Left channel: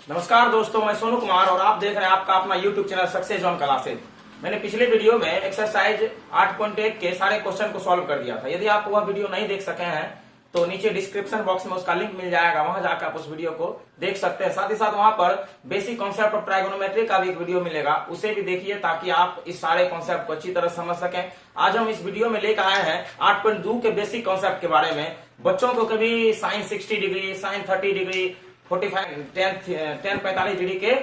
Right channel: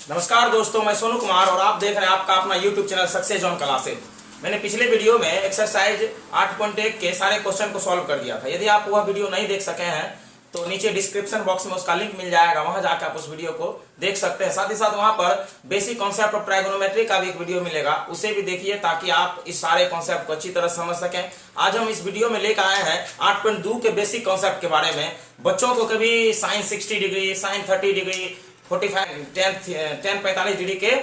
नमस्कार दोस्तों, मैं सोनू कुमार और आप देख रहे हैं आपका अपना YouTube channel success on classes. मैंने पिछले वीडियो में एक्सरसाइज 8.1 के सारे क्वेश्चन को सॉल्व कर दिया था। यदि आप वह वीडियो नहीं देख सके हैं तो नीचे डिस्क्रिप्शन बॉक्स में उसका लिंक मिल जाएगा, वहां जाकर आप उस वीडियो को देख सकते हैं। साथ ही साथ वहां पर बेसिक कॉन्सेप्ट ऑफ ट्राइगोनोमेट्री का भी एक वीडियो मिलेगा, उसे भी देखिए ताकि आप इस सारे कॉन्सेप्ट को अच्छी तरह समझ सकें। आज हम इस वीडियो में लेकर आए हैं 8.2 के बेसिक कॉन्सेप्ट के बारे में। बच्चों को कभी sine 60 degree, sine 30 degree, 45 degree के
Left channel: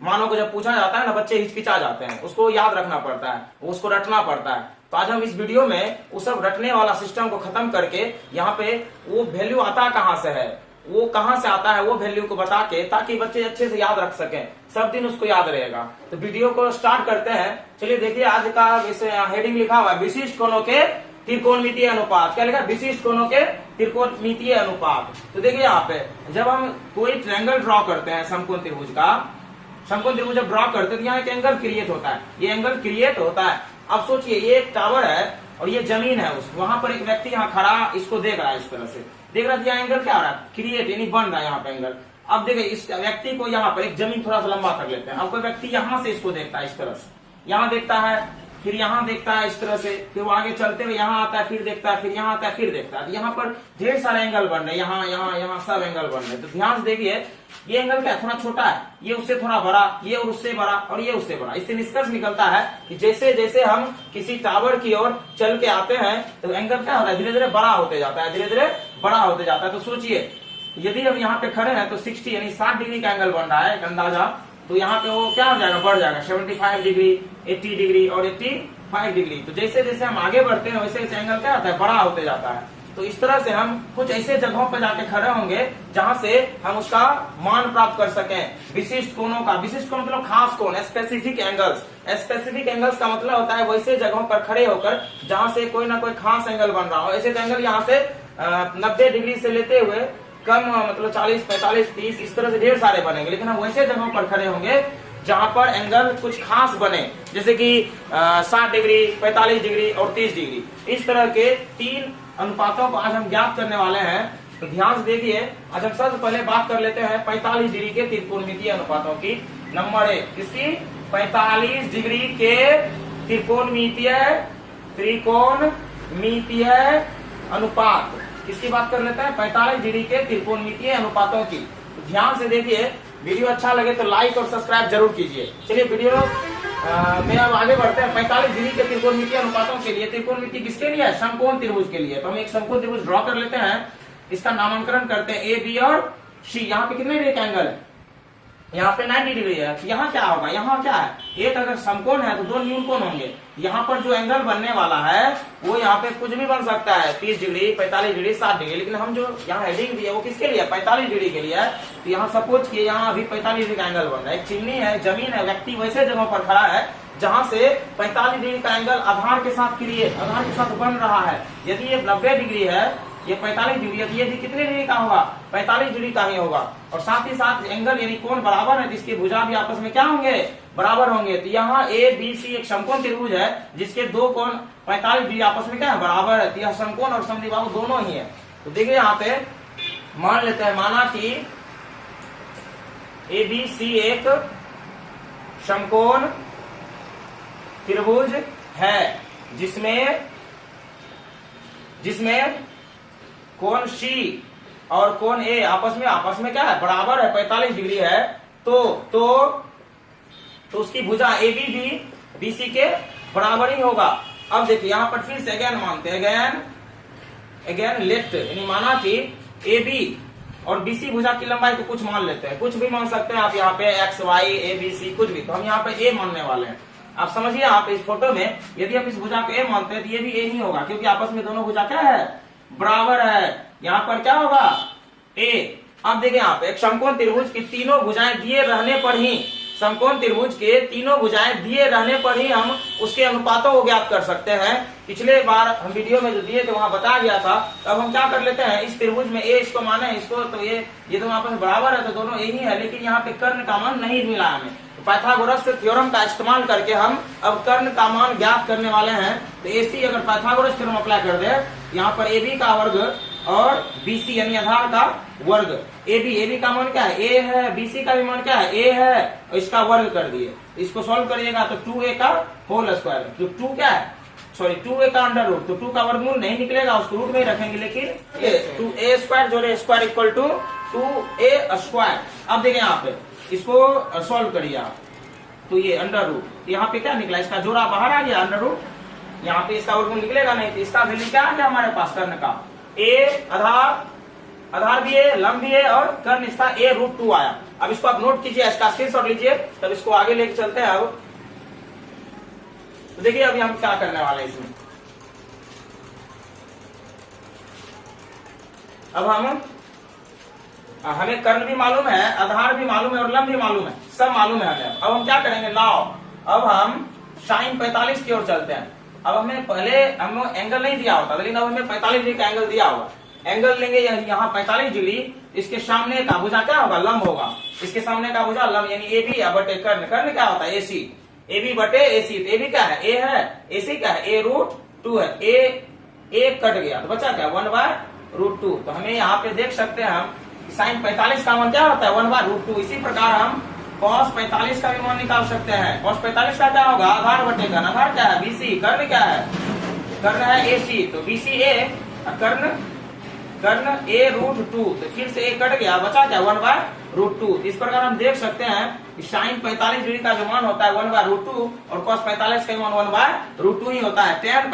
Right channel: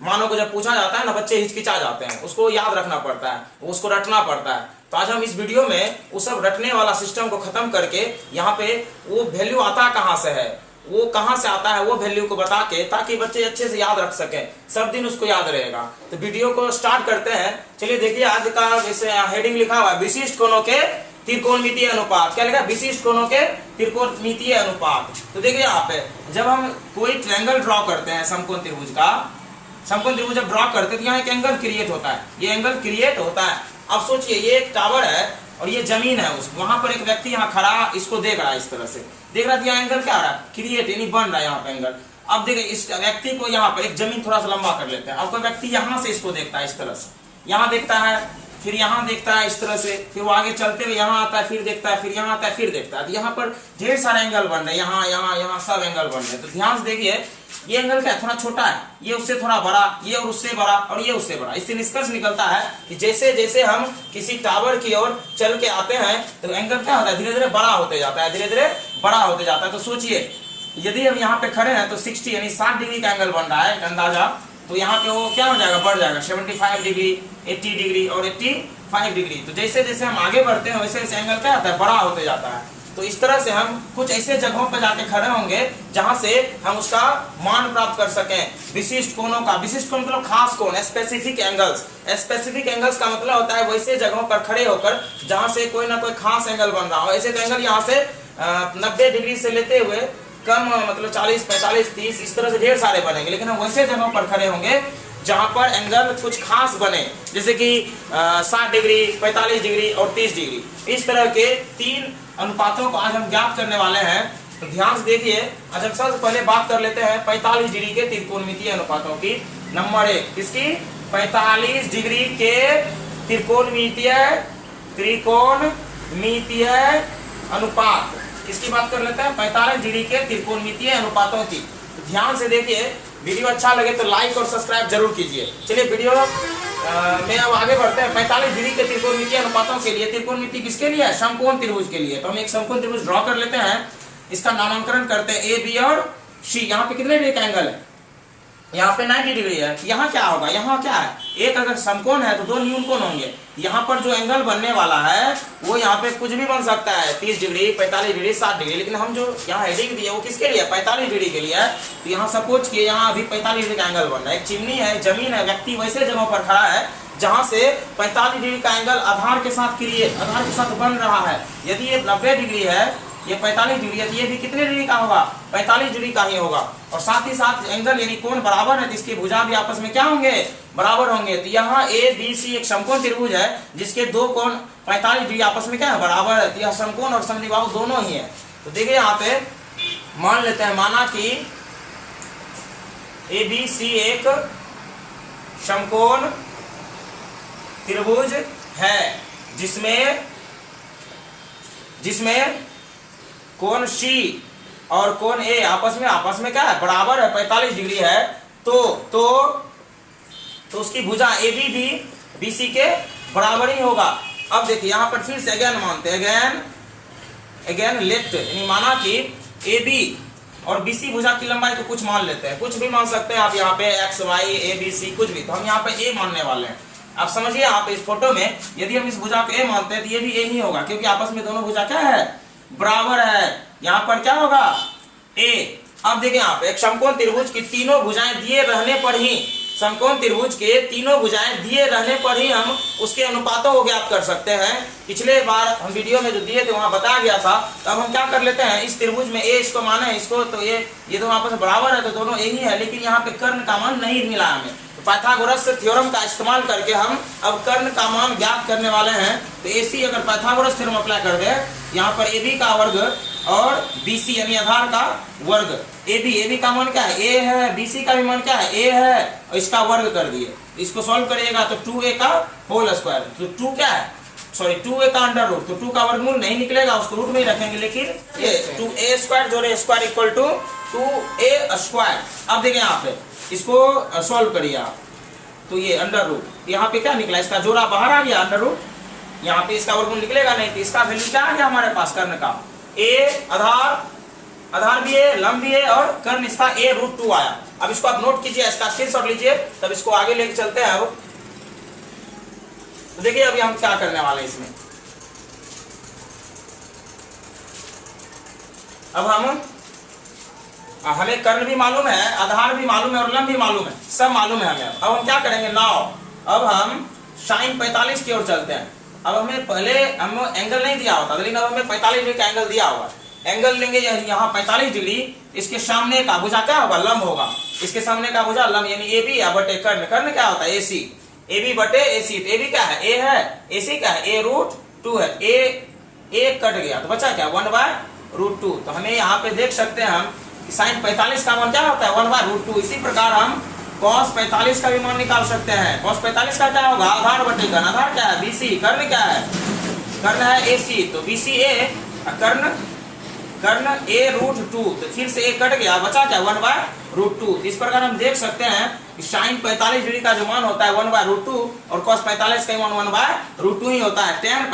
मानों को जब पूछा जाता है ना, बच्चे हिचकिचा जाते हैं, उसको याद रखना पड़ता है, उसको रटना पड़ता है। तो आज हम इस वीडियो में वो सब रटने वाला सिस्टम को खत्म करके यहाँ पे वो वैल्यू आता कहाँ से है, वो कहाँ से आता है, वो वैल्यू को बता के, ताकि बच्चे अच्छे से याद रख सकें, सब दिन उसको याद रहेगा। तो वीडियो को स्टार्ट करते हैं। चलिए देखिए, आज का जैसे हेडिंग लिखा हुआ है विशिष्ट कोणों के त्रिकोणमितीय अनुपात। क्या लिखा है? विशिष्ट कोणों के त्रिकोणमितीय अनुपात। तो देखिए यहाँ पे जब हम कोई ट्रायंगल ड्रॉ करते हैं, समकोण त्रिभुज का, समकोण त्रिभुज जब ड्रॉ करते हैं तो यहाँ एक एंगल क्रिएट होता है, ये एंगल क्रिएट होता है। अब सोचिए, ये एक टावर है और ये जमीन है, उस वहां पर एक व्यक्ति यहाँ खड़ा इसको देख रहा है, इस तरह से देख रहा है। यह एंगल क्या हो रहा है? क्रिएट, यानी बन रहा है यहाँ पे एंगल। अब देखिए, इस व्यक्ति को यहाँ पर एक जमीन थोड़ा सा लंबा कर लेते हैं। अब कोई व्यक्ति यहाँ से इसको देखता है, इस तरह से यहाँ देखता है, फिर यहाँ देखता है इस तरह से, फिर वो आगे चलते हुए यहाँ आता है, फिर देखता है, फिर यहाँ आता है, फिर देखता है। तो यहाँ पर ढेर सारे एंगल बन रहे हैं, यहाँ यहाँ यहाँ सब एंगल बन रहे हैं। तो ध्यान से देखिए, ये एंगल क्या है? थोड़ा छोटा है, ये उससे थोड़ा बड़ा, ये और उससे बड़ा, और ये उससे बड़ा। इससे निष्कर्ष निकलता है कि जैसे जैसे हम किसी टावर की ओर चल के आते हैं तो एंगल क्या होता है? धीरे धीरे बड़ा होते जाता है, धीरे धीरे बड़ा होते जाता है। तो सोचिए, यदि हम यहाँ पे खड़े हैं तो 60 यानी 60 डिग्री का एंगल बन रहा है, एक अंदाजा। तो यहाँ पे वो क्या हो जाएगा? बढ़ जाएगा 75 डिग्री, 80 डिग्री और 85 डिग्री। तो जैसे जैसे हम आगे बढ़ते हैं वैसे वैसे एंगल क्या होता है? बड़ा होते जाता है। तो इस तरह से हम कुछ ऐसे जगहों पर जाके खड़े होंगे जहां से हम उसका मान प्राप्त कर सकें विशिष्ट कोणों का। विशिष्ट कोण मतलब खास कोण, स्पेसिफिक एंगल्स। स्पेसिफिक एंगल्स का मतलब होता है वैसे जगहों पर खड़े होकर जहां से कोई ना कोई खास एंगल बन रहा हो। ऐसे तो एंगल यहाँ से 90 डिग्री से लेते हुए कम, मतलब 40, 45, 30, इस तरह से ढेर सारे बनेंगे। लेकिन हम वैसे जगहों पर खड़े होंगे जहां पर एंगल कुछ खास बने, जैसे कि 60 डिग्री, 45 डिग्री और 30 डिग्री। इस तरह के 3 अनुपातों को आज हम ज्ञात करने वाले हैं। तो ध्यान से देखिए, आज हम सबसे पहले बात कर लेते हैं 45 डिग्री के त्रिकोणमितीय अनुपातों की। नंबर 1 किसकी? 45 डिग्री के त्रिकोणमितीय अनुपात। किसकी बात कर लेते हैं? 45 डिग्री के त्रिकोणमितीय अनुपातों की। तो ध्यान से देखिए, वीडियो अच्छा लगे तो लाइक और सब्सक्राइब जरूर कीजिए। चलिए वीडियो में अब आगे बढ़ते हैं। 45 डिग्री के त्रिकोणमितीय अनुपातों के लिए, त्रिकोणमिति किसके लिए है? समकोण त्रिभुज के लिए। तो हम एक समकोण त्रिभुज ड्रॉ कर लेते हैं, इसका नामांकन करते हैं ए, बी और सी। यहाँ पे कितने डिग्री का एंगल है? यहाँ पे 90 डिग्री है। यहाँ क्या होगा? यहाँ क्या है? एक अगर समकोण है तो 2 न्यून कोण होंगे। यहाँ पर जो एंगल बनने वाला है वो यहाँ पे कुछ भी बन सकता है, 30 डिग्री, 45 डिग्री, 60 डिग्री। लेकिन हम जो यहाँ हेडिंग दिया वो किसके लिए? 45 डिग्री के लिए है। तो यहाँ सपोज किए यहाँ अभी 45 डिग्री का एंगल बन रहा है, एक चिमनी है, जमीन है, व्यक्ति वैसे जगहों पर खड़ा है जहां से 45 डिग्री का एंगल आधार के साथ क्रिएट, आधार के साथ बन रहा है। यदि ये 90 डिग्री है, ये 45 डिग्री है, तो ये भी कितने डिग्री का होगा? 45 डिग्री का ही होगा। और साथ ही साथ एंगल यानी कोण बराबर है तो इसकी भुजा भी आपस में क्या होंगे? बराबर होंगे। तो यहाँ ए, बी, सी एक समकोण त्रिभुज है जिसके 2 कोण 45 डिग्री आपस में क्या है? बराबर है। तो यह समकोण और समद्विबाहु दोनों ही है। तो देखिए यहाँ पे मान लेते हैं, माना कि ए, बी, सी एक समकोण त्रिभुज है जिसमें कोण सी और कोण ए आपस में क्या है? बराबर है, 45 डिग्री है। तो उसकी भुजा ए बी भी बी सी के बराबर ही होगा। अब देखिए यहाँ पर फिर से अगेन मानते हैं, अगेन लेट, यानी माना कि ए बी और बी सी भुजा की लंबाई को कुछ मान लेते हैं, कुछ भी मान सकते हैं आप यहाँ पे, एक्स, वाई, ए, बी, सी, कुछ भी। तो हम यहाँ पे ए मानने वाले हैं। आप समझिए, आप इस फोटो में यदि हम इस भुजा को ए मानते हैं तो ये भी ए ही होगा, क्योंकि आपस में दोनों भुजा क्या है? बराबर है। यहाँ पर क्या होगा? ए। अब देखिए यहाँ पे एक समकोण त्रिभुज की तीनों भुजाएं दिए रहने पर ही, समकोण त्रिभुज के तीनों भुजाएं दिए रहने पर ही हम उसके अनुपातों को ज्ञात कर सकते हैं। पिछले बार हम वीडियो में जो दिए थे वहां बताया गया था। तब हम क्या कर लेते हैं, इस त्रिभुज में ए इसको माने, इसको, तो ये दोनों आपस में बराबर है तो दोनों ए ही है। लेकिन यहाँ पे कर्ण का मान नहीं मिला हमें, तो पाइथागोरस थ्योरम का इस्तेमाल करके हम अब कर्ण का मान ज्ञात करने वाले हैं। तो AC अगर पाइथागोरस थ्योरम अप्लाई कर दे, यहाँ पर AB का वर्ग और BC यानी आधार का वर्ग। AB का मान क्या है, A है, BC का भी मान क्या है, A है, और इसका वर्ग कर दिए। इसको सॉल्व करिएगा तो 2A का होल स्क्वायर, तो 2 क्या है, सॉरी 2A का अंडर रूट, तो 2 का वर्गमूल नहीं निकलेगा, उसको रूट में ही रखेंगे, लेकिन ये 2A स्क्वायर जोड़े square equal to 2A square. अब देखिए यहाँ पे इसको सॉल्व करिए आप, तो ये अंडर रूट, यहाँ पे क्या निकला, इसका जोड़ा बाहर आ गया अंडर रूट, यहाँ पे इसका वर्गमूल निकलेगा नहीं, तो इसका वैल्यू क्या आ गया हमारे पास कर्ण का, A आधार भी है, लंब भी है, और कर्ण इसका A√2 आया। अब इसको आप नोट कीजिए, इसका स्क्रीनशॉट लीजिए, तब इसको आगे लेके चलते हैं। अब तो देखिए अभी हम क्या करने वाले हैं इसमें। अब हमें कर्ण भी मालूम है, आधार भी मालूम है, और लंब भी मालूम है, सब मालूम है हमें। अब हम क्या करेंगे नाउ, अब हम sin 45 की ओर चलते हैं। अब हमें पहले हम एंगल नहीं दिया होता, लेकिन अब हमें 45 डिग्री का एंगल दिया हुआ। एंगल लेंगे यहाँ 45 डिग्री, इसके सामने का भुजा क्या होगा, लंब होगा, इसके सामने का भुजा लंब, यानी AB बटे कर्ण, कर्ण क्या होता है AC, AB बटे AC, तो AB क्या है, A है, AC क्या है, A√2 है, A कट गया तो बचा क्या 1/√2। तो हमें यहाँ पे देख सकते हैं हम sin 45 का मान क्या होता है 1/√2। इसी प्रकार हम cos 45 का भी मान निकाल सकते हैं। cos 45 का क्या होगा, आधार बटे कर्ण, आधार क्या है BC, कर्ण क्या है, कर्ण है AC, तो BC A, कर्ण A√2, तो फिर से A कट गया, बचा क्या 1/√2। इस प्रकार हम देख सकते हैं कि sin 45 डिग्री का जो मान होता है 1/√2 और cos 45 का मान 1/√2 ही होता है। tan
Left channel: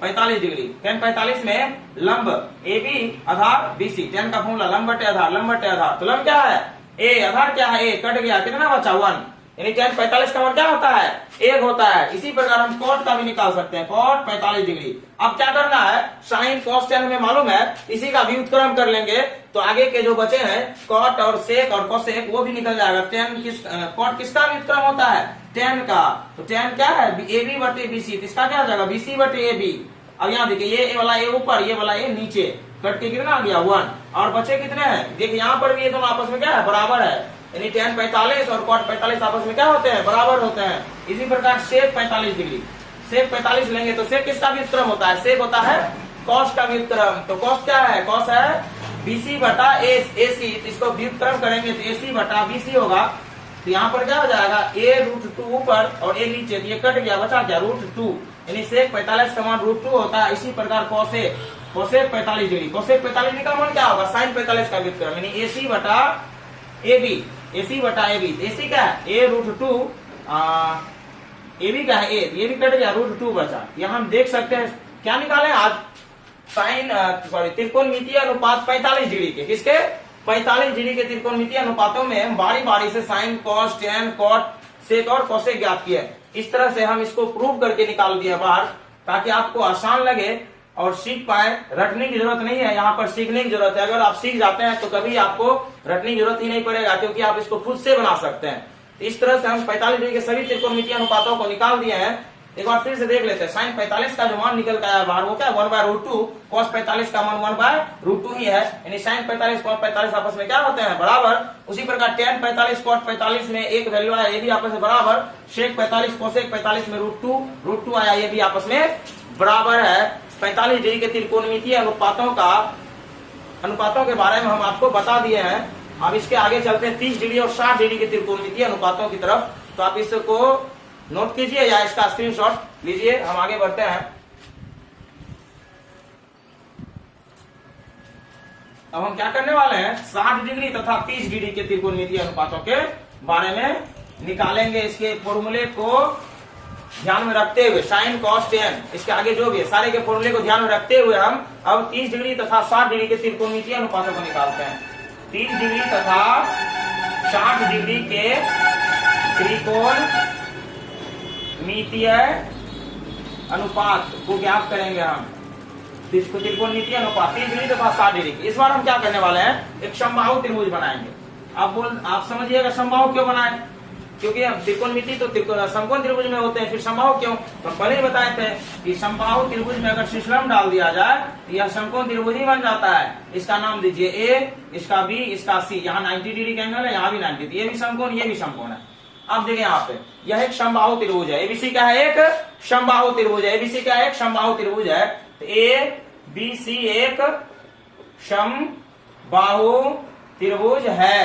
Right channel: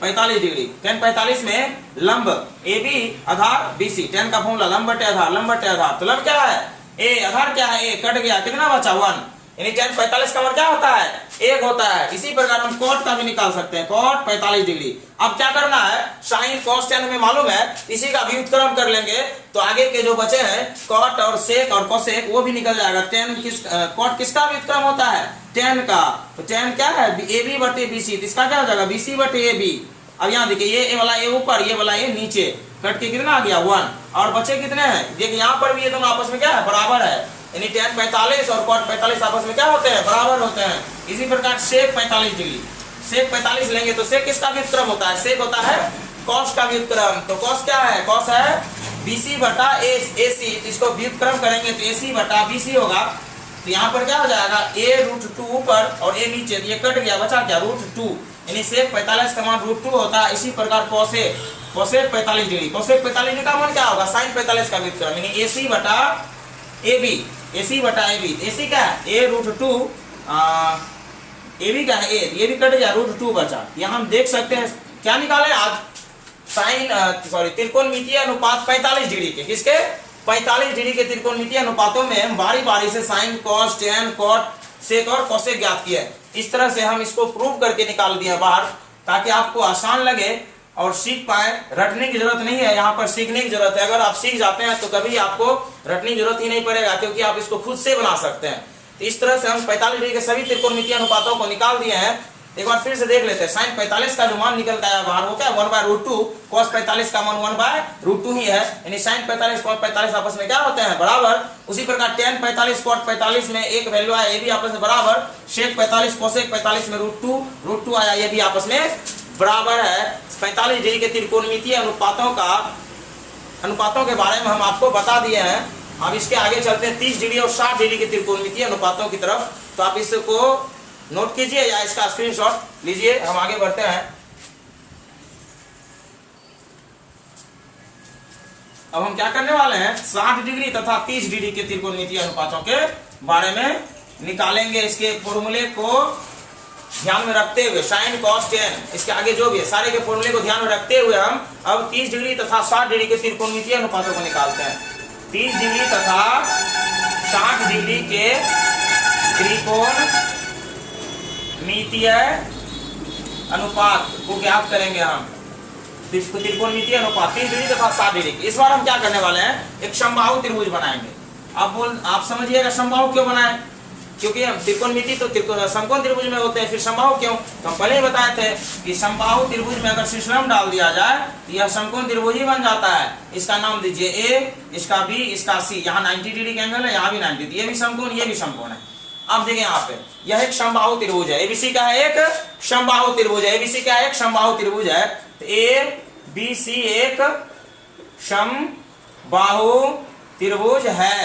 45 डिग्री, tan 45 में लंब AB आधार BC, tan का फॉर्मूला लंब बटे आधार, लंब बटे आधार, तो लंब क्या है A, आधार क्या है A, कट गया, कितना बचा 1, यानी tan 45 का मान क्या होता है 1 होता है। इसी प्रकार हम cot का भी निकाल सकते हैं, cot 45 डिग्री। अब क्या करना है, sin cos tan हमें मालूम है, इसी का व्युत्क्रम कर लेंगे, तो आगे के जो बचे हैं cot और sec और cosec वो भी निकल जाएगा। cot किसका व्युत्क्रम होता है, tan का, तो tan क्या है AB बटे BC, इसका क्या हो जाएगा BC बटे AB। अब यहाँ देखिए ये वाला A ऊपर, ये वाला A नीचे, कट के कितना आ गया 1, और बचे कितने हैं, देखिए यहाँ पर भी ये दोनों आपस में क्या है बराबर है, यानी tan 45 और cot 45 आपस में क्या होते हैं बराबर होते हैं। इसी प्रकार sec 45 डिग्री, sec 45 लेंगे तो sec किसका व्युत्क्रम होता है, sec होता है cos का व्युत्क्रम, तो cos क्या है, cos है BC बटा AC, इसको व्युत्क्रम करेंगे तो AC बटा BC होगा। तो यहाँ पर क्या हो जाएगा A√2 ऊपर और A नीचे, तो ये कट गया, बचा क्या √2, यानी sec 45 का मान √2 होता है। इसी प्रकार cosec 45 डिग्री, cosec 45 डिग्री का मान क्या होगा sin 45 का व्युत्क्रम, यानी AC बटा AB, AC बटा AB, AC क्या है A√2, AB क्या है A, ये भी कट गया, √2 बचा। यहाँ हम देख सकते हैं क्या निकाले आज, त्रिकोणमितीय अनुपात 45 डिग्री के, किसके 45 डिग्री के त्रिकोणमितीय अनुपातों में हम बारी बारी से sin, cos, tan, cot, sec और cosec ज्ञात किया है। इस तरह से हम इसको प्रूव करके निकाल दिया बाहर, ताकि आपको आसान लगे और सीख पाए। रटने की जरूरत नहीं है, यहाँ पर सीखने की जरूरत है। अगर आप सीख जाते हैं तो कभी आपको रटने की जरूरत ही नहीं पड़ेगा, क्योंकि आप इसको खुद से बना सकते हैं। तो इस तरह से हम 45 डिग्री के सभी त्रिकोणमितीय अनुपातों को निकाल दिए हैं। एक बार फिर से देख लेते हैं, sin 45 का जो मान निकल का आया बाहर वो क्या 1/√2, cos 45 का मान 1/√2 ही है, यानी sin 45 cos 45 आपस में क्या होते हैं बराबर। उसी प्रकार tan 45 cot 45 में एक वैल्यू आया, ये भी आपस में बराबर। sec 45 cosec 45 में √2 आया, ये भी आपस में बराबर है। 45 डिग्री के त्रिकोणमितीय अनुपातों के बारे में हम आपको बता दिए हैं। अब इसके आगे चलते हैं 30 डिग्री और 60 डिग्री के त्रिकोणमितीय अनुपातों की तरफ। तो आप इसको नोट कीजिए या इसका स्क्रीनशॉट लीजिए, हम आगे बढ़ते हैं। अब हम क्या करने वाले हैं, 60 डिग्री तथा 30 डिग्री के त्रिकोणमितीय अनुपातों के बारे में निकालेंगे। इसके फॉर्मूले को ध्यान में रखते हुए, sin, cos, tan, इसके आगे जो भी है सारे के फॉर्मूले को ध्यान में रखते हुए हम अब 30 डिग्री तथा 60 डिग्री के त्रिकोणमितीय अनुपातों को निकालते हैं। 30 डिग्री तथा 60 डिग्री के त्रिकोणमितीय अनुपात को ज्ञात करेंगे हम। त्रिकोणमितीय अनुपात 30 डिग्री तथा 60 डिग्री। इस बार हम क्या करने वाले हैं, एक समबाहु त्रिभुज बनाएंगे। आप समझिएगा समबाहु क्यों बनाए, क्योंकि हम त्रिकोणमिति तो समकोण त्रिभुज में होते हैं, फिर समबाहु क्यों, तो हम पहले ही बताए थे कि समबाहु त्रिभुज में अगर शीर्षलंब डाल दिया जाए तो यह समकोण त्रिभुज ही बन जाता है। इसका नाम दीजिए A, इसका B, इसका C। यहाँ 90 डिग्री का एंगल है, यहाँ भी 90, ये भी समकोण, ये भी समकोण है। अब देखिए यहाँ पे यह एक समबाहु त्रिभुज है। ABC का है एक समबाहु त्रिभुज है, ABC का एक समबाहु त्रिभुज है। तो A, BC एक समबाहु त्रिभुज है।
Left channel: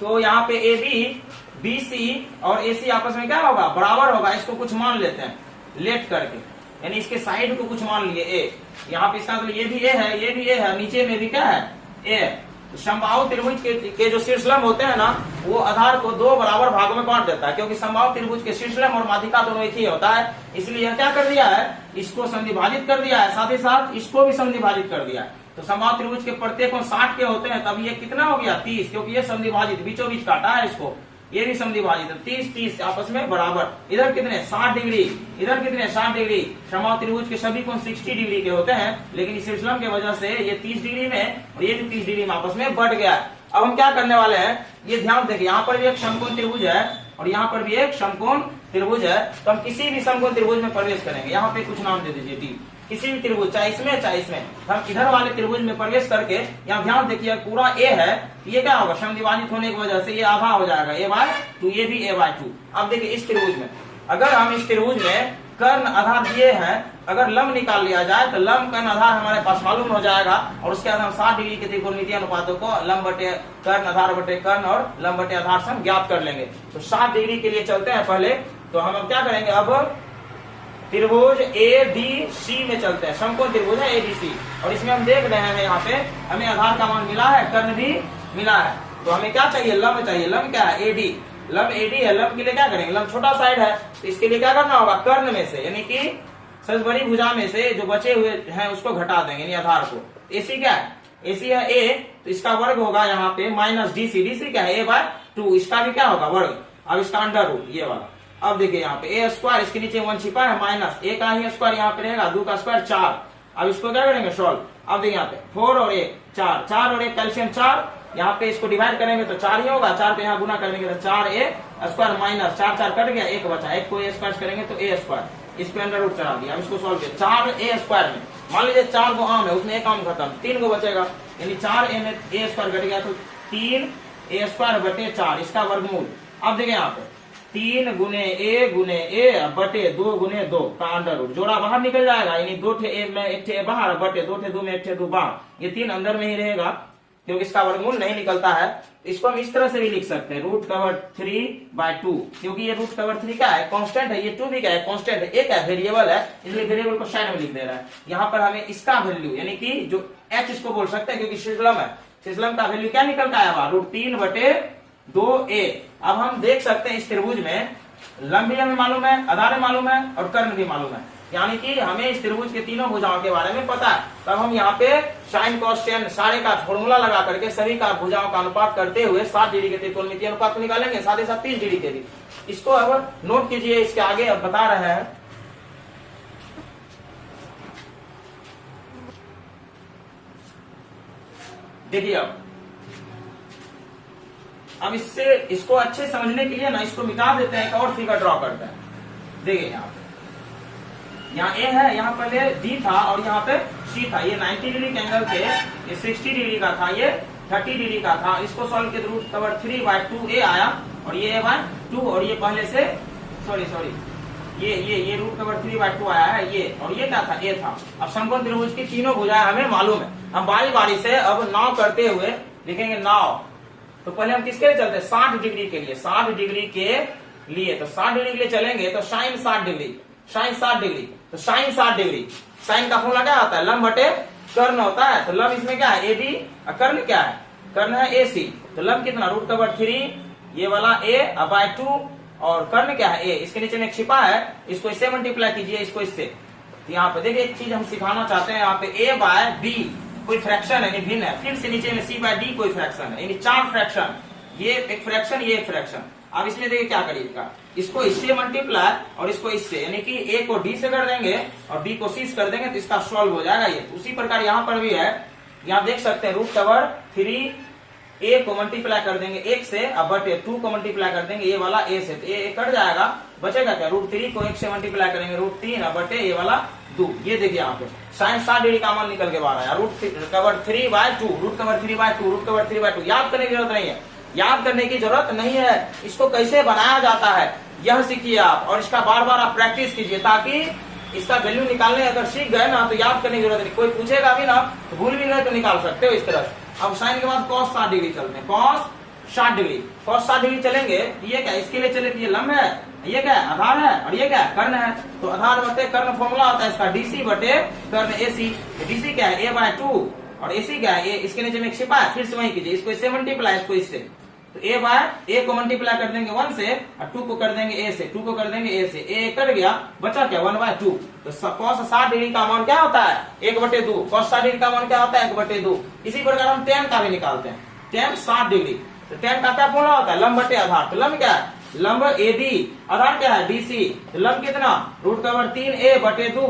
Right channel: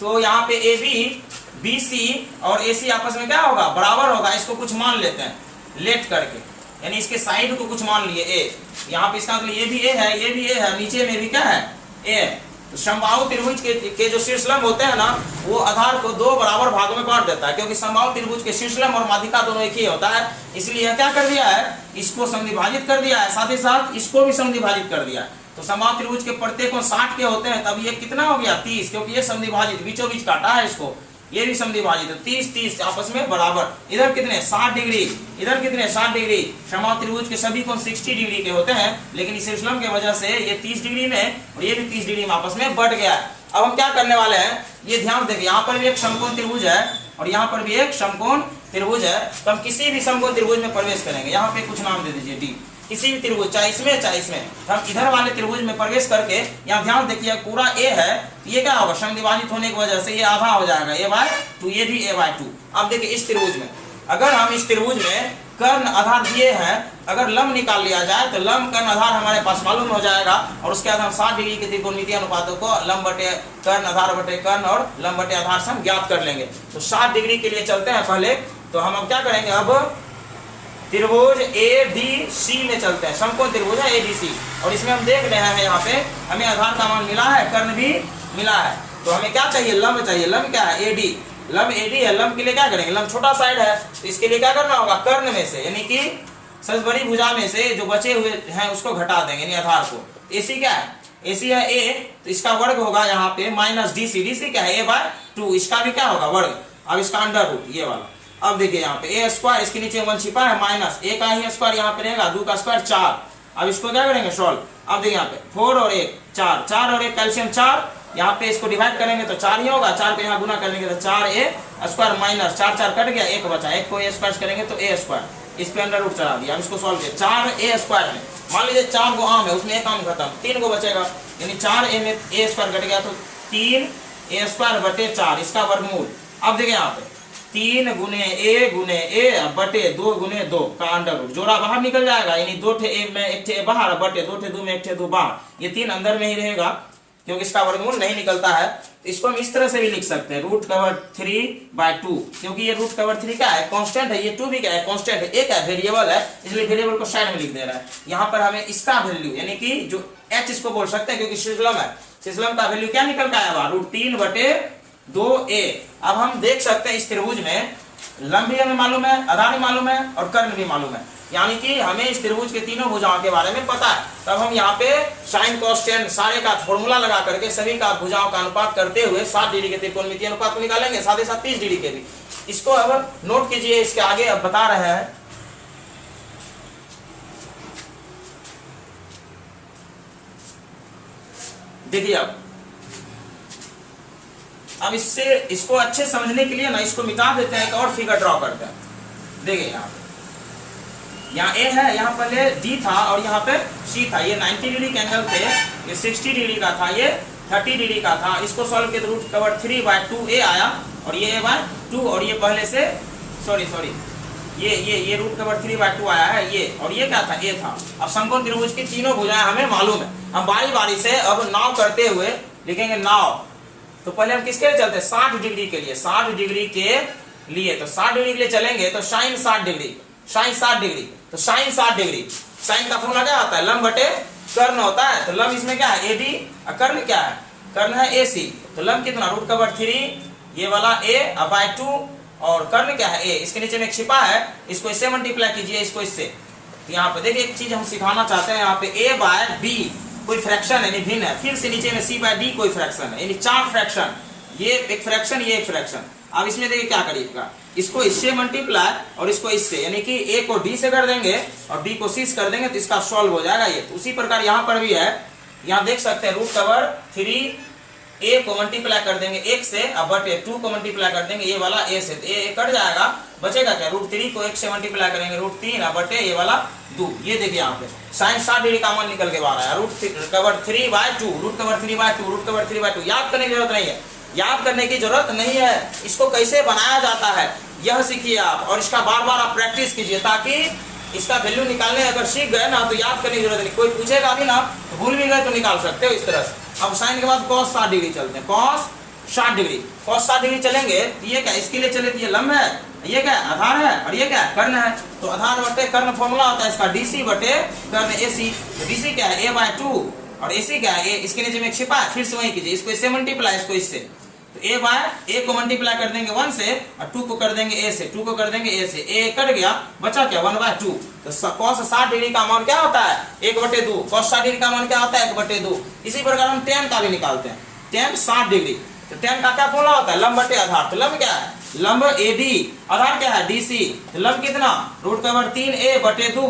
तो यहाँ पे AB BC और AC आपस में क्या होगा, बराबर होगा। इसको कुछ मान लेते हैं लेट करके, यानी इसके साइड को कुछ मान लिए A। यहाँ पे इसका मतलब ये भी A है, ये भी A है, नीचे में भी क्या है, A है। तो समबाहु त्रिभुज के जो शीर्षलंब होते हैं ना, वो आधार को दो बराबर भागों में बांट देता है, क्योंकि समबाहु त्रिभुज के शीर्षलंब और माध्यिका दोनों एक ही होता है। इसलिए यह क्या कर दिया है, इसको समद्विभाजित कर दिया है, साथ ही साथ इसको भी समद्विभाजित कर दिया है। तो समबाहु त्रिभुज के प्रत्येक कोण 60 के होते हैं, तब ये कितना हो गया 30, क्योंकि ये समद्विभाजित बीचों बीच काटा है इसको, ये भी समद्विभाजित है। 30 आपस में बराबर। इधर कितने 60 डिग्री, इधर कितने 60 डिग्री। समबाहु त्रिभुज के सभी कोण 60 डिग्री के होते हैं, लेकिन इस शीर्षलंब की वजह से ये 30 डिग्री में और ये भी 30 डिग्री में आपस में बढ़ गया है। अब हम क्या करने वाले हैं, ये ध्यान देंगे, यहाँ पर भी एक समकोण त्रिभुज है और यहाँ पर भी एक समकोण त्रिभुज है। तो हम किसी भी समकोण त्रिभुज में प्रवेश करेंगे। यहाँ पे कुछ नाम दे दीजिए डी, किसी भी त्रिभुज, चाहे इसमें चाहे इसमें। हम इधर वाले त्रिभुज में प्रवेश करके, यहाँ ध्यान देखिए पूरा ए है, तो ये क्या होगा, समद्विभाजित होने की वजह से ये आधा हो जाएगा a/2, ये भी a/2। अब देखिए इस त्रिभुज में, अगर हम इस त्रिभुज में कर्ण आधार दिए हैं, अगर लंब निकाल लिया जाए तो लंब कर्ण आधार हमारे पास मालूम हो जाएगा, और उसके बाद हम 60 डिग्री के त्रिकोणमितीय अनुपातों को लंब बटे कर्ण, आधार बटे कर्ण और लंब बटे आधार से हम ज्ञात कर लेंगे। तो 60 डिग्री के लिए चलते हैं पहले। तो हम अब क्या करेंगे, अब त्रिभुज ADC में चलते हैं। समकोण त्रिभुज है ADC, और इसमें हम देख रहे हैं यहाँ पे हमें आधार का मान मिला है, कर्ण भी मिला है। तो हमें क्या चाहिए, लंब चाहिए। लंब क्या है, AD। लंब AD है, लंब के लिए क्या करेंगे, लंब छोटा साइड है, तो इसके लिए क्या करना होगा, कर्ण में से यानी कि सबसे बड़ी भुजा में से जो बचे हुए हैं उसको घटा देंगे, यानी आधार को। AC क्या है, AC है A, तो इसका वर्ग होगा यहाँ पे -DC। DC क्या है, a/2, इसका भी क्या होगा, वर्ग। अब इसका अंडर रूट ये वाला। अब देखिए यहाँ पे a², इसके नीचे 1 छिपा है, माइनस a का ही स्क्वायर यहाँ पे रहेगा, 2 का स्क्वायर 4। अब इसको क्या करेंगे, सॉल्व। अब देखिए यहाँ पे 4 और 1 4, 4 और 1 कैल्शियम 4, यहाँ पे इसको डिवाइड करेंगे तो 4 ही होगा, 4 पे यहाँ गुना करेंगे तो 4a² माइनस 4 4 कट गया, 1 बचा, 1 को a² करेंगे तो a², इस पे अंडर रूट चला दिया। अब इसको सॉल्व किया, 4a² में मान लीजिए 4 गो आम है, उसमें एक आम खत्म, 3 गो बचेगा, यानी 4a में a² घट गया तो 3a² बटे 4, इसका वर्गमूल। अब देखिए यहाँ पे 3 गुने a बटे 2 गुने 2 का अंडर रूट, जोड़ा बाहर निकल जाएगा, यानी 2 ठे a में 1 ठे बाहर बटे 2 ठे 2 में 1 ठे 2 बाहर, ये 3 अंदर में ही रहेगा क्योंकि इसका वर्गमूल नहीं निकलता है। इसको हम इस तरह से भी लिख सकते हैं, √3/2, क्योंकि ये √3 क्या है, कांस्टेंट है, ये 2 भी क्या है, कांस्टेंट है, एक है वेरिएबल है, इसलिए वेरिएबल को साइड में लिख दे रहा है। यहाँ पर हमें इसका वैल्यू यानी कि जो h इसको बोल सकते हैं, क्योंकि शीर्षलंब है, शीर्षलंब का वैल्यू क्या निकल के आया, √3/2a। अब हम देख सकते हैं इस त्रिभुज में लंब भी हमें मालूम है, आधार भी मालूम है और कर्ण भी मालूम है, यानी कि हमें इस त्रिभुज के तीनों भुजाओं के बारे में पता है। तब हम यहाँ पे साइन कॉस टेन सारे का फॉर्मूला लगा करके सभी का भुजाओं का अनुपात करते हुए 60 डिग्री के त्रिकोणमितीय अनुपात को निकालेंगे, साथ ही साथ 30 डिग्री के भी। इसको अब नोट कीजिए, इसके आगे अब बता रहे हैं। देखिए अब इससे इसको अच्छे समझने के लिए ना इसको मिटा देते हैं, एक और फिगर ड्रॉ करते हैं। देखिए यहाँ A है, यहाँ पहले D था और यहाँ पे C था, ये 90 डिग्री के एंगल थे, ये 60 डिग्री का था, ये 30 डिग्री का था। इसको सॉल्व किया तो √3/2a आया और ये a/2, और ये पहले से सॉरी ये √3/2 आया है ये, और ये क्या था, a था। अब समकोण त्रिभुज की तीनों भुजाएं हमें मालूम है। हम बारी बारी से अब नाव करते हुए लिखेंगे नाव। तो पहले हम किसके लिए चलते हैं, 60 डिग्री के लिए, 60 डिग्री के लिए। तो 60 डिग्री के लिए चलेंगे तो साइन 60 डिग्री, साइन 60 डिग्री, तो साइन 60 डिग्री, साइन का फॉर्मूला क्या होता है, लंब बटे कर्ण होता है। तो लंब इसमें क्या है, AD, और कर्ण क्या है, कर्ण है AC। तो लंब कितना, √3, ये वाला a/2, और कर्ण क्या है a, इसके नीचे में एक छिपा है, इसको इससे मल्टीप्लाई कीजिए, इसको इससे। तो यहाँ पे देखिए एक चीज हम सिखाना चाहते हैं, यहाँ पे a/b कोई फ्रैक्शन है, भिन्न है, फिर से नीचे में c/d कोई फ्रैक्शन है, यानी 4 फ्रैक्शन, ये एक फ्रैक्शन, ये एक फ्रैक्शन। अब इसमें देखिए क्या करिएगा, इसको इससे मल्टीप्लाई और इसको इससे, यानी कि a को d से कर देंगे और b को c से कर देंगे, तो इसका सॉल्व हो जाएगा ये। उसी प्रकार यहाँ पर भी है, यहाँ देख सकते हैं √3 a को मल्टीप्लाई कर देंगे 1 से, अब बटे 2 को मल्टीप्लाई कर देंगे ये वाला a से, तो a कट जाएगा, बचेगा क्या, √3 को 1 से मल्टीप्लाई करेंगे √3, अब बटे ये वाला 2। ये देखिए यहाँ पे साइन 60 डिग्री का मान निकल के बाहर आया, √3/2, याद करने की जरूरत नहीं है, याद करने की जरूरत नहीं है। इसको कैसे बनाया जाता है यह सीखिए आप, और इसका बार बार आप प्रैक्टिस कीजिए, ताकि इसका वैल्यू निकालने अगर सीख गए ना तो याद करने की जरूरत नहीं, कोई पूछेगा भी ना तो भूल भी गए तो निकाल सकते हो इस तरह से। अब साइन के बाद cos 60 डिग्री चलते हैं, cos 60 डिग्री, cos 60 डिग्री चलेंगे तो ये क्या, इसके लिए चले तो ये लंब है, ये क्या आधार है और ये क्या कर्ण है। तो आधार बटे कर्ण फॉर्मूला होता है इसका डीसी बटे कर्ण एसी। तो डीसी क्या है a/2 और एसी क्या है, इसके नीचे में छिपा है, फिर से वही कीजिए, इसको इससे मल्टीप्लाई, इसको इससे, तो a को मल्टीप्लाई कर देंगे 1 से और 2 को कर देंगे a से, 2 को कर देंगे a से, a कट गया, बचा क्या 1/2। तो cos 60 डिग्री का मान क्या होता है 1/2, cos 60 डिग्री का मान क्या होता है 1/2। इसी प्रकार हम tan का भी निकालते हैं, tan 60 डिग्री, तो tan का क्या फॉर्मूला होता है लंब बटे आधार। तो लंब क्या है, लंब AD, आधार क्या है DC, तो लंब कितना √3a/2,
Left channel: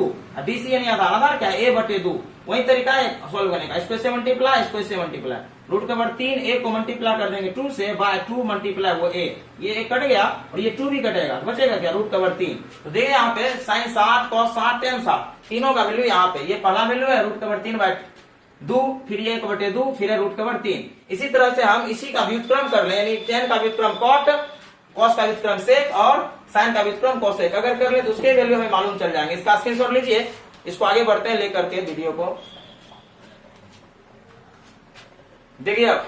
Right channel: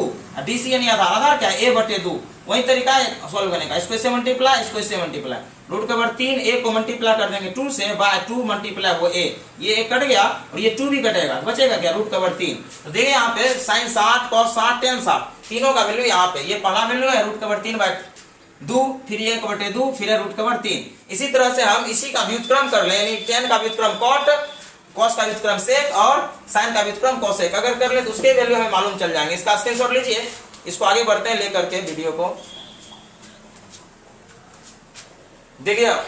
DC यानी आधार, आधार क्या है a/2। वही तरीका है सॉल्व करने का, इसको इससे मल्टीप्लाई, इसको इससे मल्टीप्लाई, √3a को मल्टीप्लाई कर देंगे 2 से, /2 मल्टीप्लाई वो a, ये a कट गया और ये 2 भी कटेगा, तो बचेगा क्या √3। तो देखिए यहाँ पे sin 60, cos 60, tan 60 तीनों का वैल्यू यहाँ पे, ये पहला वैल्यू है √3/2, फिर ये 1/2, फिर है √3। इसी तरह से हम इसी का व्युत्क्रम कर ले, यानी tan का व्युत्क्रम cot, cos का व्युत्क्रम sec और sin का व्युत्क्रम cosec अगर कर ले तो उसके वैल्यू हमें मालूम चल जाएंगे। इसका स्क्रीनशॉट लीजिए, इसको आगे बढ़ते हैं लेकर के वीडियो को। देखिए अब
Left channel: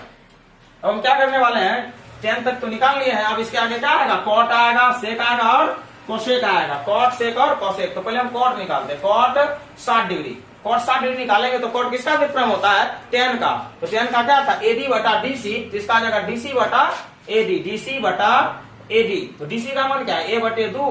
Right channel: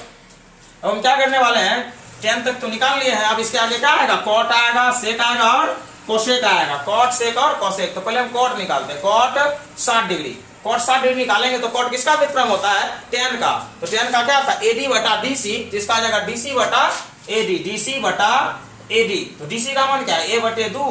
हम क्या करने वाले हैं, tan तक तो निकाल लिए हैं, अब इसके आगे क्या आएगा, cot आएगा, sec आएगा और cosec आएगा, cot sec और cosec। तो पहले हम cot निकालते हैं, cot 60 डिग्री, cot 60 डिग्री निकालेंगे तो cot किसका व्युत्क्रम होता है tan का, तो tan का क्या था AD बटा DC, तो इसका आ जाएगा DC बटा AD, DC बटा AD। तो DC का मान क्या है a/2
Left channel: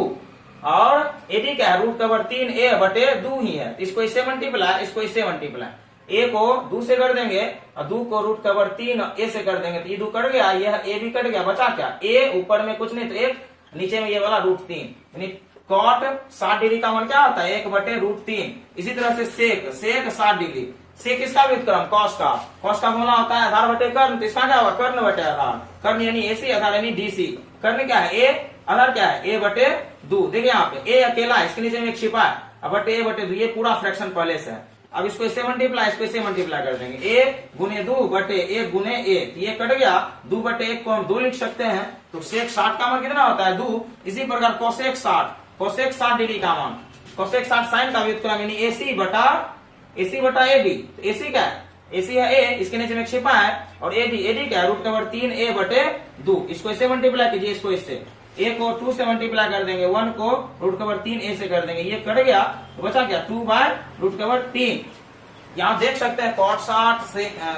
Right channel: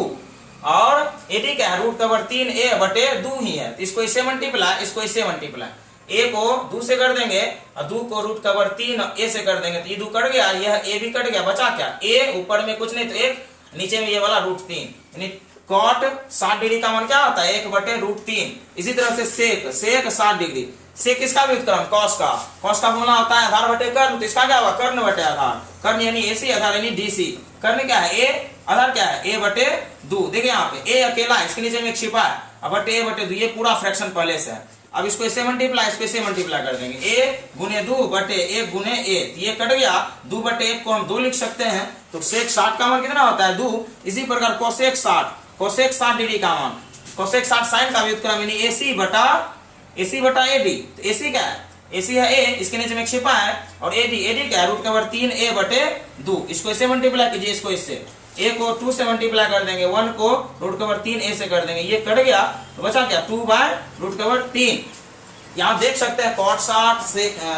और AD क्या है √3a/2 ही है, तो इसको इससे मल्टीप्लाई, इसको इससे मल्टीप्लाई, a को 2 से कर देंगे और 2 को √3 a से कर देंगे, तो ये 2 कट गया, यह a भी कट गया, बचा क्या a, ऊपर में कुछ नहीं तो 1, नीचे में ये वाला √3, यानी cot 60 डिग्री का मान क्या होता है 1/√3। इसी तरह से sec 60 डिग्री, sec किसका व्युत्क्रम cos का, cos का फॉर्मूला होता है आधार बटे कर्ण, तो इसका क्या होगा कर्ण बटे आधार, कर्ण यानी AC, आधार यानी DC, कर्ण क्या है a, आधार क्या है a/2। देखिए यहाँ पे a अकेला है, इसके नीचे में एक छिपा है, अब बटे a/2, ये पूरा फ्रैक्शन पहले से है। अब इसको इससे मल्टीप्लाई, इसको इससे मल्टीप्लाई कर देंगे, a गुने 2 बटे 1 गुने a, तो ये कट गया, 2 बटे 1 को हम 2 लिख सकते हैं, तो sec 60 का मान कितना होता है 2। इसी प्रकार cosec 60 डिग्री का मान, cosec 60 sin का व्युत्क्रम यानी AC बटा AD, तो AC क्या है, AC है a, इसके नीचे में छिपा है, और AD क्या है √3a/2, इसको इससे मल्टीप्लाई कीजिए, इसको इससे, a को 2 से मल्टीप्लाई कर देंगे, 1 को √3a से कर देंगे, ये कट गया, तो बचा क्या 2/√3। यहाँ देख सकते हैं cot 60,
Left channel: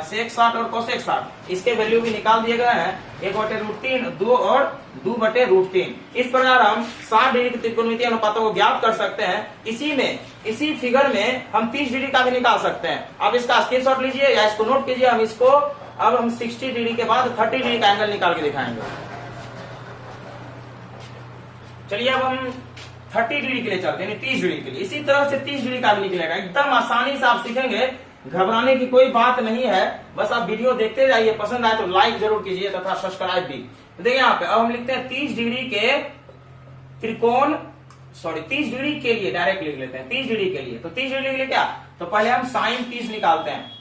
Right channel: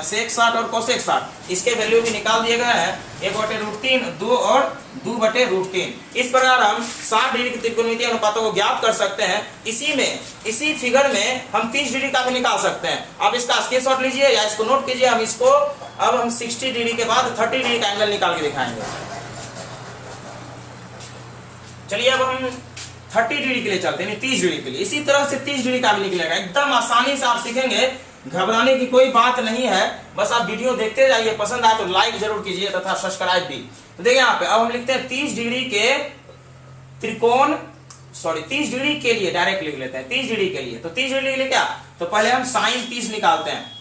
sec 60 और cosec 60, इसके वैल्यू भी निकाल दिए गए हैं, 1/√3, 2 और 2/√3। इस प्रकार हम 60 डिग्री की त्रिकोणमितीय अनुपातों को ज्ञात कर सकते हैं। इसी फिगर में हम 30 डिग्री का भी निकाल सकते हैं। अब इसका स्क्रीनशॉट लीजिए या इसको नोट कीजिए, हम इसको अब हम 60 डिग्री के बाद 30 डिग्री का एंगल निकाल के दिखाएंगे। चलिए अब हम 30 डिग्री के लिए चलते हैं, 30 डिग्री के लिए, इसी तरह से 30 डिग्री का भी निकलेगा, एकदम आसानी से आप सीखेंगे, घबराने की कोई बात नहीं है, बस आप वीडियो देखते जाइए, पसंद आए तो लाइक जरूर कीजिए तथा सब्सक्राइब भी। तो देखिए यहाँ पे अब हम लिखते हैं 30 डिग्री के त्रिकोण, 30 डिग्री के लिए डायरेक्ट लिख लेते हैं 30 डिग्री के लिए। तो 30 डिग्री के लिए क्या, तो पहले हम sin 30 निकालते हैं,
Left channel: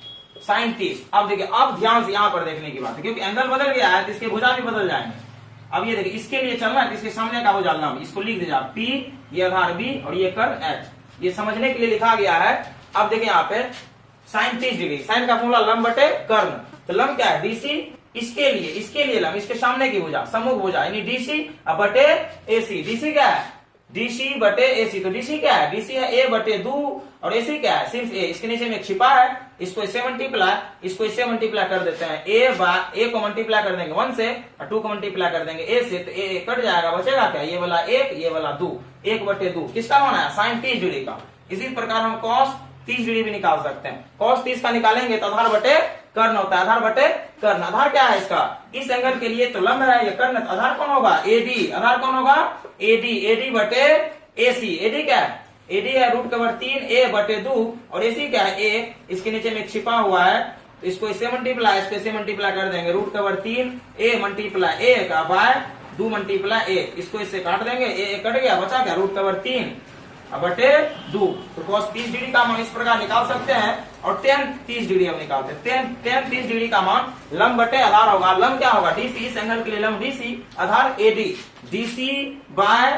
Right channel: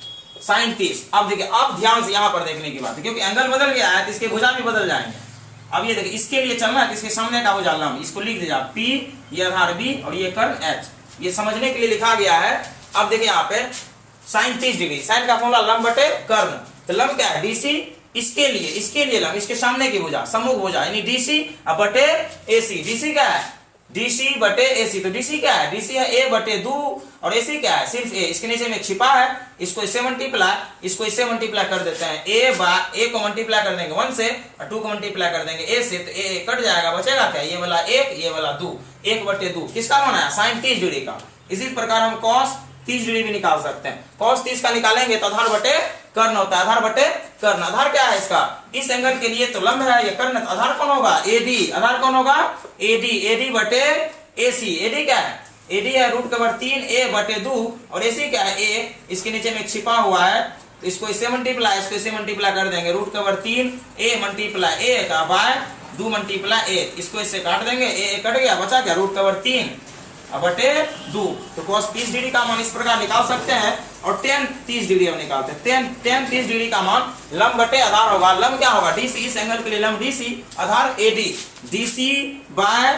sin 30। अब देखिए, अब ध्यान से यहाँ पर देखने की बात है, क्योंकि एंगल बदल गया है तो इसके भुजा भी बदल जाएंगे। अब ये देखिए, इसके लिए चलना है, इसके सामने का भुजा लंब, इसको लिख दीजिए P, ये आधार B और ये कर्ण H, ये समझने के लिए लिखा गया है। अब देखिए यहाँ पे sin 30 डिग्री, sin का फॉर्मूला लंब बटे कर्ण, तो लंब क्या है DC, इसके लिए लंब, इसके सामने की भुजा, सम्मुख भुजा यानी DC बटे AC, DC क्या है DC बटे AC, तो DC क्या है, DC है a/2 और AC क्या है सिर्फ a, इसके नीचे में एक छिपा है, इसको इससे मल्टीप्लाई, इसको इससे मल्टीप्लाई कर देते हैं, a को मल्टीप्लाई कर देंगे 1 से और 2 को मल्टीप्लाई कर देंगे a से, तो a कट जाएगा, बचेगा क्या ये वाला 1, ये वाला 2, 1/2, किसका मान है sin 30 डिग्री का। इसी प्रकार हम cos 30 डिग्री भी निकाल सकते हैं, cos 30 का निकालेंगे तो आधार बटे कर्ण होता है, आधार बटे कर्ण, आधार क्या है इसका, इस एंगल के लिए तो लंब है, ये कर्ण, आधार कौन होगा AD, आधार कौन होगा AD बटे AC, AD क्या है AD है √3a/2 और AC क्या है a, इसके नीचे में छिपा हुआ है, तो इसको इससे मल्टीप्लाई, इसको इससे मल्टीप्लाई कर देंगे, √3a मल्टीप्लाई a का बाय 2 मल्टीप्लाई a, इसको इससे काट देंगे, a कट गया, बचा क्या √3 बटे 2। तो cos 30 डिग्री का मान इस प्रकार निकाल सकते हैं। और tan 30 डिग्री हम निकालते हैं, tan 30 डिग्री का मान लंब बटे आधार होगा, लंब क्या होगा DC, इस एंगल के लिए लंब DC, आधार AD, DC बाय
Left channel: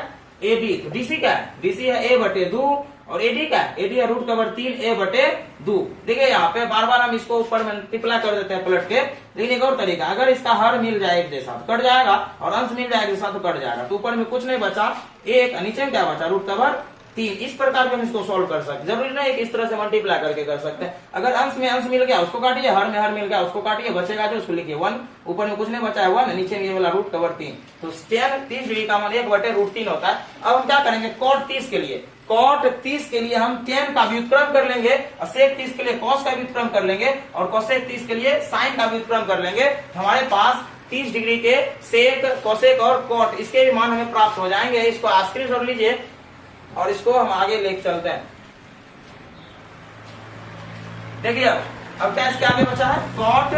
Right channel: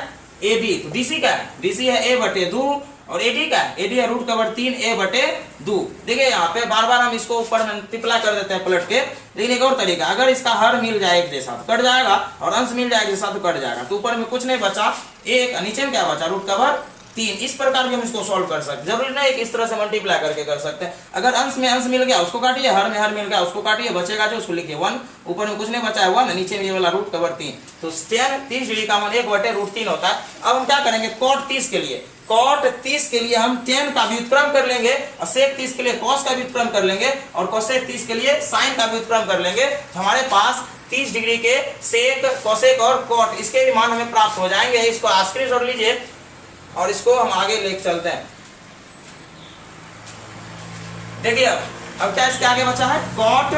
AD, तो DC क्या है DC है a/2 और एडी का एडी है रूट कवर 3a/2। देखिए यहाँ पे बार बार हम इसको ऊपर मल्टीप्लाई कर देते हैं पलट के, लेकिन एक और तरीका, अगर इसका हर मिल जाए एक जैसा तो कट जाएगा, और अंश मिल जाए एक जैसा तो कट जाएगा। तो ऊपर में कुछ नहीं बचा, एक, नीचे में क्या बचा, रूट कवर 3। इस प्रकार भी हम इसको सॉल्व कर सकते हैं, जरूरी नहीं कि इस तरह से मल्टीप्लाई करके कर सकते हैं। अगर अंश में अंश मिल गया उसको काटिए, हर में हर मिल गया उसको काटिए, बचेगा जो उसको लिखिए 1, ऊपर में कुछ नहीं बचा है 1, नीचे में ये वाला रूट कवर 3। तो tan 30 डिग्री का मान 1/√3 होता है। अब हम क्या करेंगे, cot 30 के लिए, cot 30 के लिए हम tan का व्युत्क्रम कर लेंगे, और sec 30 के लिए cos का व्युत्क्रम कर लेंगे, और cosec 30 के लिए sin का व्युत्क्रम कर लेंगे। हमारे पास 30 डिग्री के सेक, कोसेक और कॉट इसके भी मान हमें प्राप्त हो जाएंगे। इसको आस्क्रिट जोड़ लीजिए और इसको हम आगे लेके चलते हैं। देखिए अब क्या इसके आगे बचा है, कॉट,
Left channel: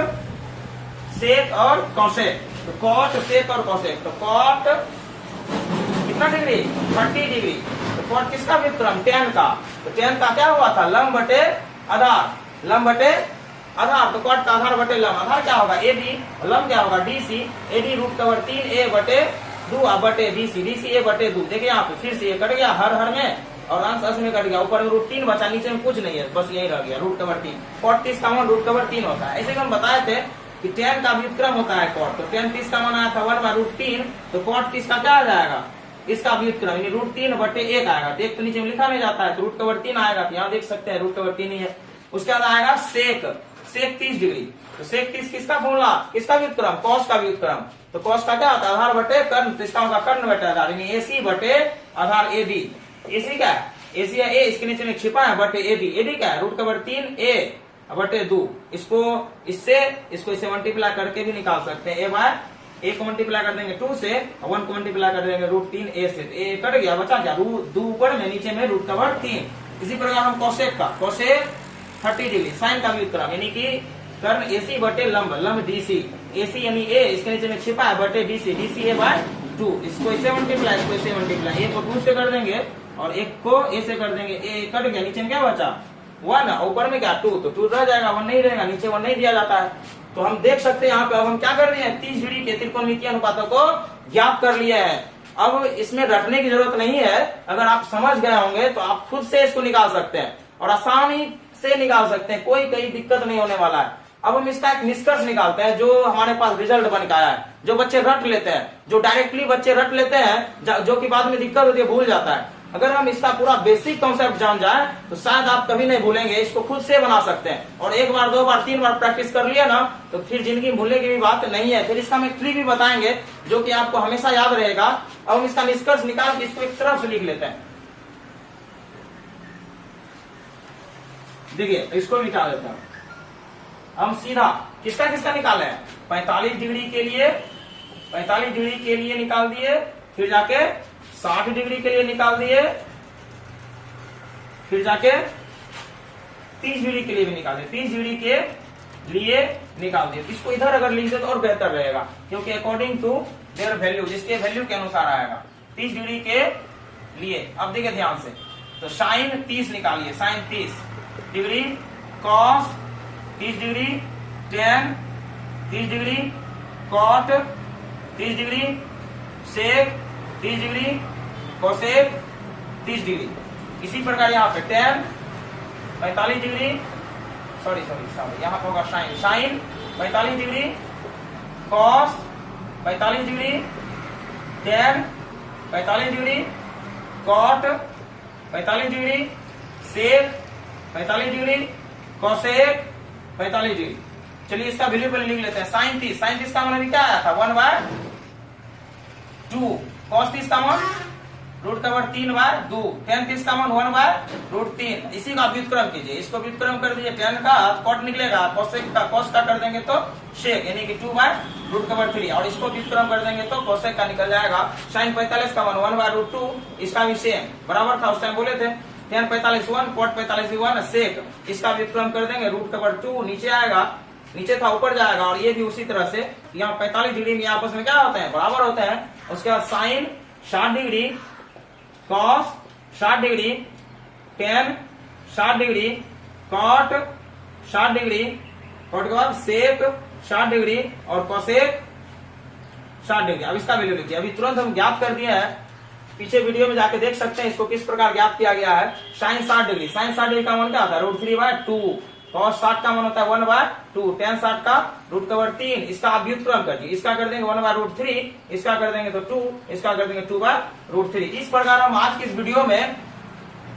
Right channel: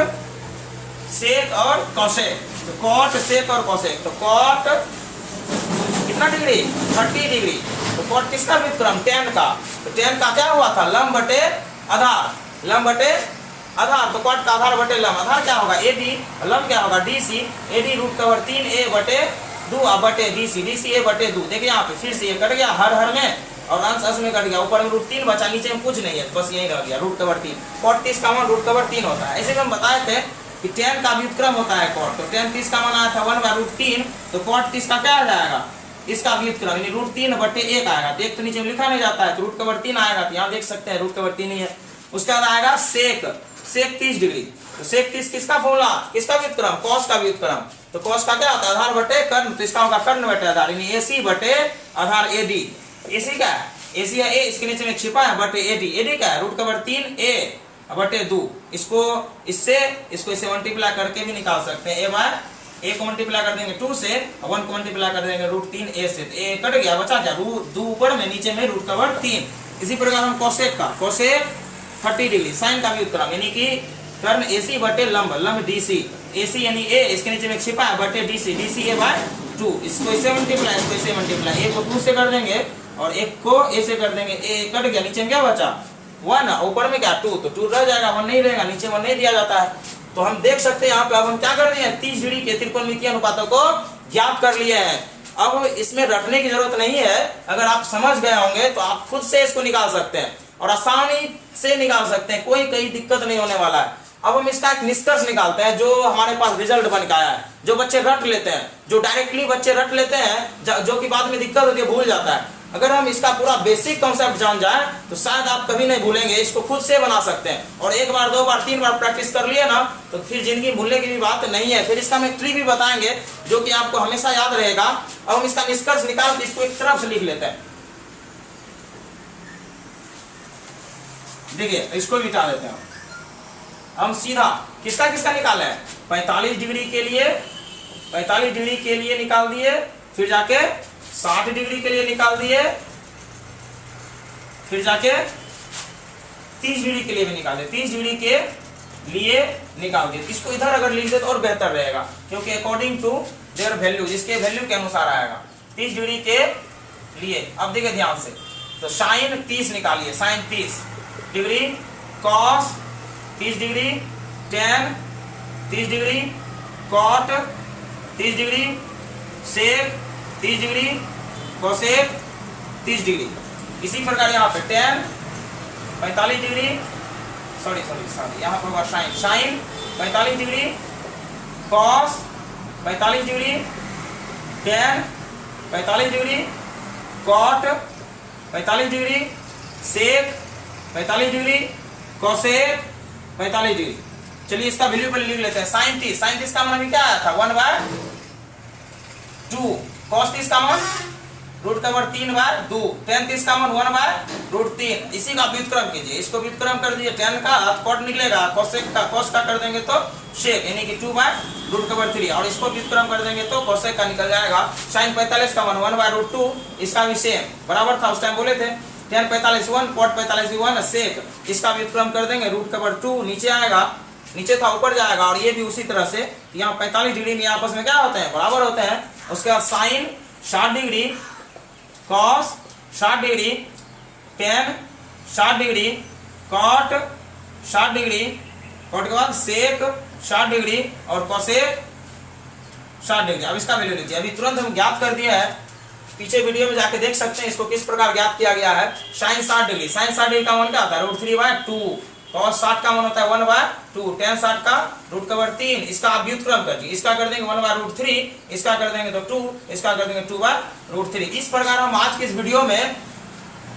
सेक और कोसेक। तो कॉट, सेक और कोसेक, तो कॉट कितना डिग्री, 30 डिग्री। तो कॉट किसका व्युत्क्रम, tan का। तो tan का क्या हुआ था, लंब बटे आधार, लंब बटे आधार। तो कॉट का आधार बटे लंब, आधार क्या होगा एडी, लंब क्या होगा DC. AD root cover 3a/2 बटे डीसी, डीसी a/2। देखिए यहाँ पे फिर से ये कट गया हर हर में, और अंश अंश में कट गया, ऊपर में √3 बचा, नीचे में कुछ नहीं है, बस यही रह गया रूट कवर 3। cot 30 का मान रूट कवर 3 होता है। ऐसे हम बताए थे कि tan का व्युत्क्रम होता है cot। तो tan 30 का मान आया था 1/√3, तो cot 30 का क्या आ जाएगा, इसका व्युत्क्रम यानी √3/1 आएगा। देख तो नीचे में लिखा नहीं जाता है, तो रूट कवर 3 आएगा। तो यहाँ देख सकते हैं रूट कवर 3 ही है। उसके बाद आएगा सेक, सेक 30 डिग्री। तो सेक 30 किसका फॉर्मूला, किसका व्युत्क्रम, कॉस का व्युत्क्रम। तो कॉस का क्या होता है, आधार बटे कर्ण। तो इसका होगा कर्ण बटे आधार, यानी AC बटे आधार AD। AC का है, AC है A, इसके नीचे में छिपा है बटे AD। AD का है रूट कवर 3a/2। इसको इससे मल्टीप्लाई करके भी निकाल सकते हैं। a को मल्टीप्लाई कर देंगे 2 से, 1 को मल्टीप्लाई कर देंगे √3a से। तो a कट गया, बचा क्या, 2 ऊपर में, नीचे में रूट कवर 3। इसी प्रकार हम कोसेक का, कोसेक 30 डिग्री, साइन का व्युत्क्रम यानी कि कर्ण AC बटे लंब, लंब DC। AC यानी A, इसके नीचे में छिपा है बटे DC, DC a/2। इसको इससे मल्टीप्लाई, इसको इससे मल्टीप्लाई, A को 2 से कर देंगे और 1 को A से कर देंगे। A कट गया, नीचे में क्या बचा 1, ऊपर में क्या 2, तो 2 रह जाएगा, 1 नहीं रहेगा, नीचे 1 नहीं दिया जाता है। तो हम देख सकते हैं यहाँ पे अब हम क्या कर दिए हैं, 30 डिग्री के त्रिकोणमितीय अनुपातों को ज्ञात कर लिए हैं। अब इसमें रटने की जरूरत नहीं है, अगर आप समझ गए होंगे तो आप खुद से इसको निकाल सकते हैं और आसानी से निकाल सकते हैं, कोई दिक्कत नहीं होने वाला है। अब हम इसका एक निष्कर्ष निकालते हैं जो हमारे पास रिजल्ट बन के आया है। जो बच्चे रट लेते हैं, जो डायरेक्टली बच्चे रट लेते हैं, जो कि बाद में दिक्कत होती है, भूल जाता है, अगर हम इसका पूरा बेसिक कॉन्सेप्ट जान जाए तो शायद आप कभी नहीं भूलेंगे। इसको खुद से बना सकते हैं, और 1 बार 2 बार 3 बार प्रैक्टिस कर लिया ना तो फिर जिंदगी भूलने की भी बात नहीं है। फिर इसका हम एक ट्री भी बताएंगे जो कि आपको हमेशा याद रहेगा। अब हम इसका निष्कर्ष निकाल के इसको एक तरफ से लिख लेते हैं। देखिए इसको मिटा देते हैं हम सीधा। किसका किसका निकाले हैं, 45 डिग्री के लिए, 45 डिग्री के लिए निकाल दिए, फिर जाके 60 डिग्री के लिए निकाल दिए, फिर जाके 30 डिग्री के लिए भी निकाल दिए, 30 डिग्री के लिए निकाल दिए। इसको इधर अगर लिख दे तो और बेहतर रहेगा, क्योंकि अकॉर्डिंग टू देयर वैल्यू, इसके वैल्यू के अनुसार आएगा 30 डिग्री के लिए। अब देखिए ध्यान से, तो साइन 30 निकालिए, sine 30 degree, cos 30 degree, tan 30 degree, cot 30 degree, sec 30 degree, cosec 30 degree. इसी प्रकार यहाँ पे tan 45 डिग्री, सॉरी यहाँ पर होगा sine 45 degree, cos 45 degree, tan 45 degree, cot 45 degree, sec 45 degree, cosec 45 degree. चलिए इसका वैल्यू पहले लिख लेते हैं। साइन 30 का मान क्या आया था 1/2, कॉस 30 का मान रूट कवर 3/2, tan 30 का मान 1/√3। इसी का व्युत्क्रम कीजिए, इसको व्युत्क्रम कर दीजिए, tan का कॉट निकलेगा, कोसेक का कॉस का कर देंगे तो सेक यानी कि 2/√3, और इसको व्युत्क्रम कर देंगे तो कोसेक का निकल जाएगा। साइन 45 का मान 1/√2, इसका भी सेम बराबर था, उस टाइम बोले थे। tan 45 1, cot 45 1, सेक इसका व्युत्क्रम कर देंगे, रूट कवर 2 नीचे आएगा, नीचे था ऊपर जाएगा, और ये भी उसी तरह से यहाँ 45 डिग्री में आपस में क्या होते हैं, बराबर होते हैं। उसके बाद sine 60 degree, cos 60 degree, tan 60 degree, cot 60 degree, cot के बाद सेक 60 डिग्री और कोसेक 60 डिग्री। अब इसका वैल्यू लीजिए, अभी तुरंत हम ज्ञात कर दिया है पीछे वीडियो में जाके देख सकते हैं इसको किस प्रकार ज्ञात किया गया है। sin 60 डिग्री, sin 60 डिग्री का मान क्या आता है √3/2, cos 60 का मान होता है 1/2, tan 60 का √3, इसका आप व्युत्क्रम कर दीजिए, इसका कर देंगे 1/√3, इसका कर देंगे तो 2, इसका कर देंगे 2/√3। इस प्रकार हम आज की इस वीडियो में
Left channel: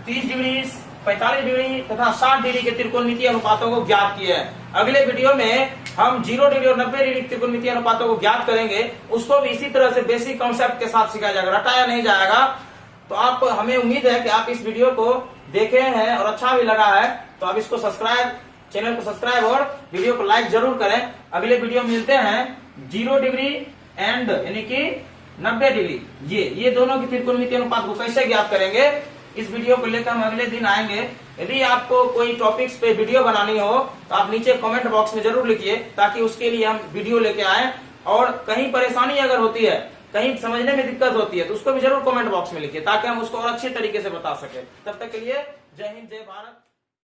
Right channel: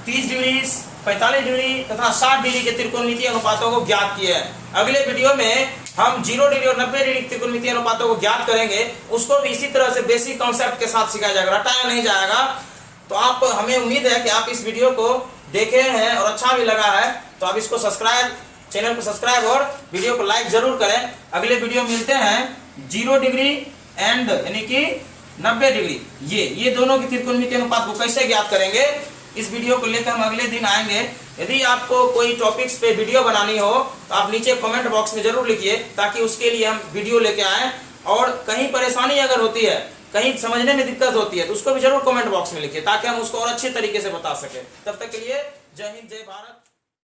30 डिग्री, 45 डिग्री तथा 60 डिग्री के त्रिकोणमितीय अनुपातों को ज्ञात किए हैं। अगले वीडियो में हम 0 डिग्री और 90 डिग्री त्रिकोणमितीय अनुपातों को ज्ञात करेंगे, उसको भी इसी तरह से बेसिक कॉन्सेप्ट के साथ सिखाया जाएगा, रटाया नहीं जाएगा। तो आप, हमें उम्मीद है कि आप इस वीडियो को देखे हैं और अच्छा भी लगा है, तो आप इसको सब्सक्राइब, चैनल को सब्सक्राइब और वीडियो को लाइक जरूर करें। अगले वीडियो में मिलते हैं 0 डिग्री एंड यानी कि 90 डिग्री, ये दोनों की त्रिकोणमितीय अनुपात को कैसे ज्ञात करेंगे, इस वीडियो को लेकर हम अगले दिन आएंगे। यदि आपको कोई टॉपिक्स पे वीडियो बनानी हो तो आप नीचे कमेंट बॉक्स में जरूर लिखिए, ताकि उसके लिए हम वीडियो लेके आए। और कहीं परेशानी अगर होती है, कहीं समझने में दिक्कत होती है, तो उसको भी जरूर कमेंट बॉक्स में लिखिए, ताकि हम उसको और अच्छे तरीके से बता सके। तब तक के लिए जय हिंद, जय भारत।